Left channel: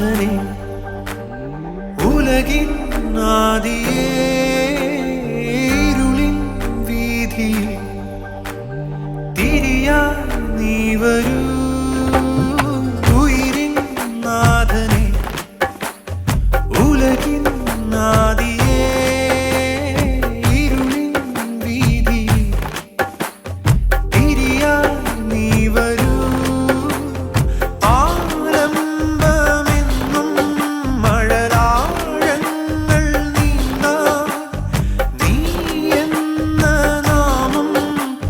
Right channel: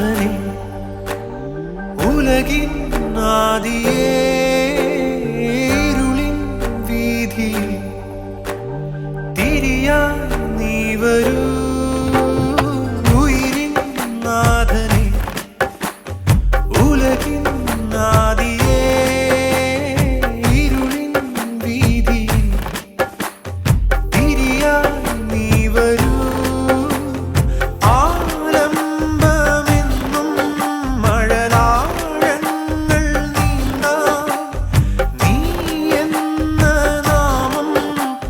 നാഥനെ ഉലകിൻ ആദിയേ ഇരുളിൻ വീതിയിൽ തിരിയായി നീ വരൂ ഉയിരിൻ നാഥനെ ഉലകിൻ ആദിയേ ഇരുളിൻ വീതിയിൽ തിരിയായി നീ വരൂ ആലംബമെന്നും മഴലാഴങ്ങൾ നീന്താൻ നീ എന്ന നാമം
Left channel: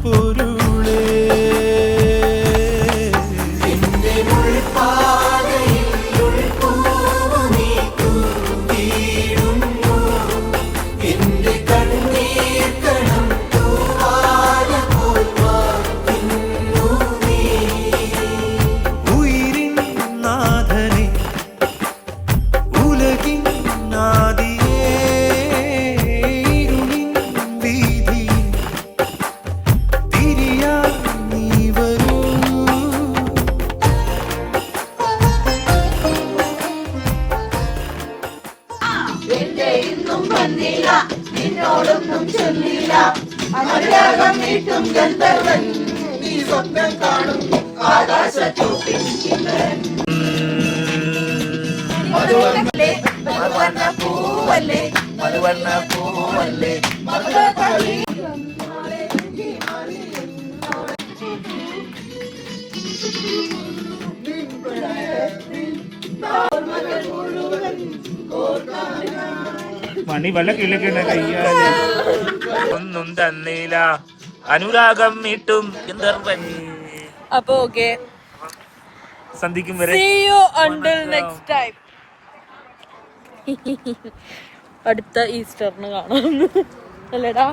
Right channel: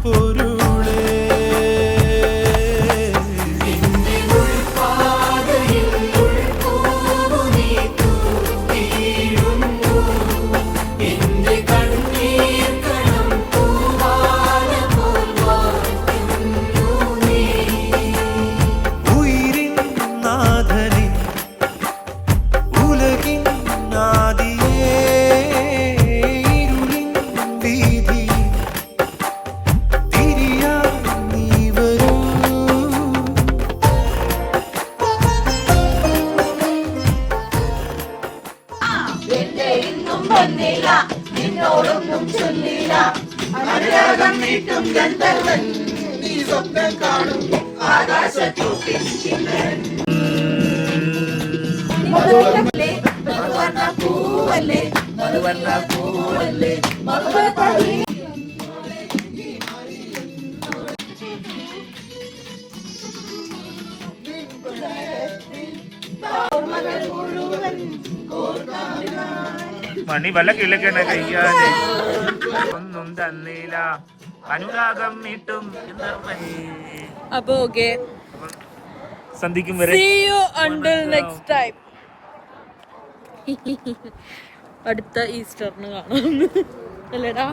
പൊരുളേ ഉയിരിൻ നാഥനെ ഉലകിൻ ആദിയേ ഇരുളിൻ വീതിയിൽ തിരിയായി നീ വരൂ നിന്നോടൊന്നും ചൊല്ലില്ല അനുരാഗം നീട്ടും ഗന്ധർവൻ നീ സ്വപ്നം കാണും ആകാശത്തൂട്ടിൻ ചിന്തൻ മധുവർണ്ണ പൂവല്ലേ മധുവർണ്ണ പൂവല്ലേ മണി വല്ല കിഴക്കണ കയ്യാതെ ഒന്നും തന്നില്ല അനുരാഗം മീട്ടും ഗന്ധർവൻ. അപ്പൊ ഓക്കെ, സന്ധിക്കും വരെ see you until next time. അടുത്ത ഈസ്റ്ററിന് കാണാം അല്ലേടാ?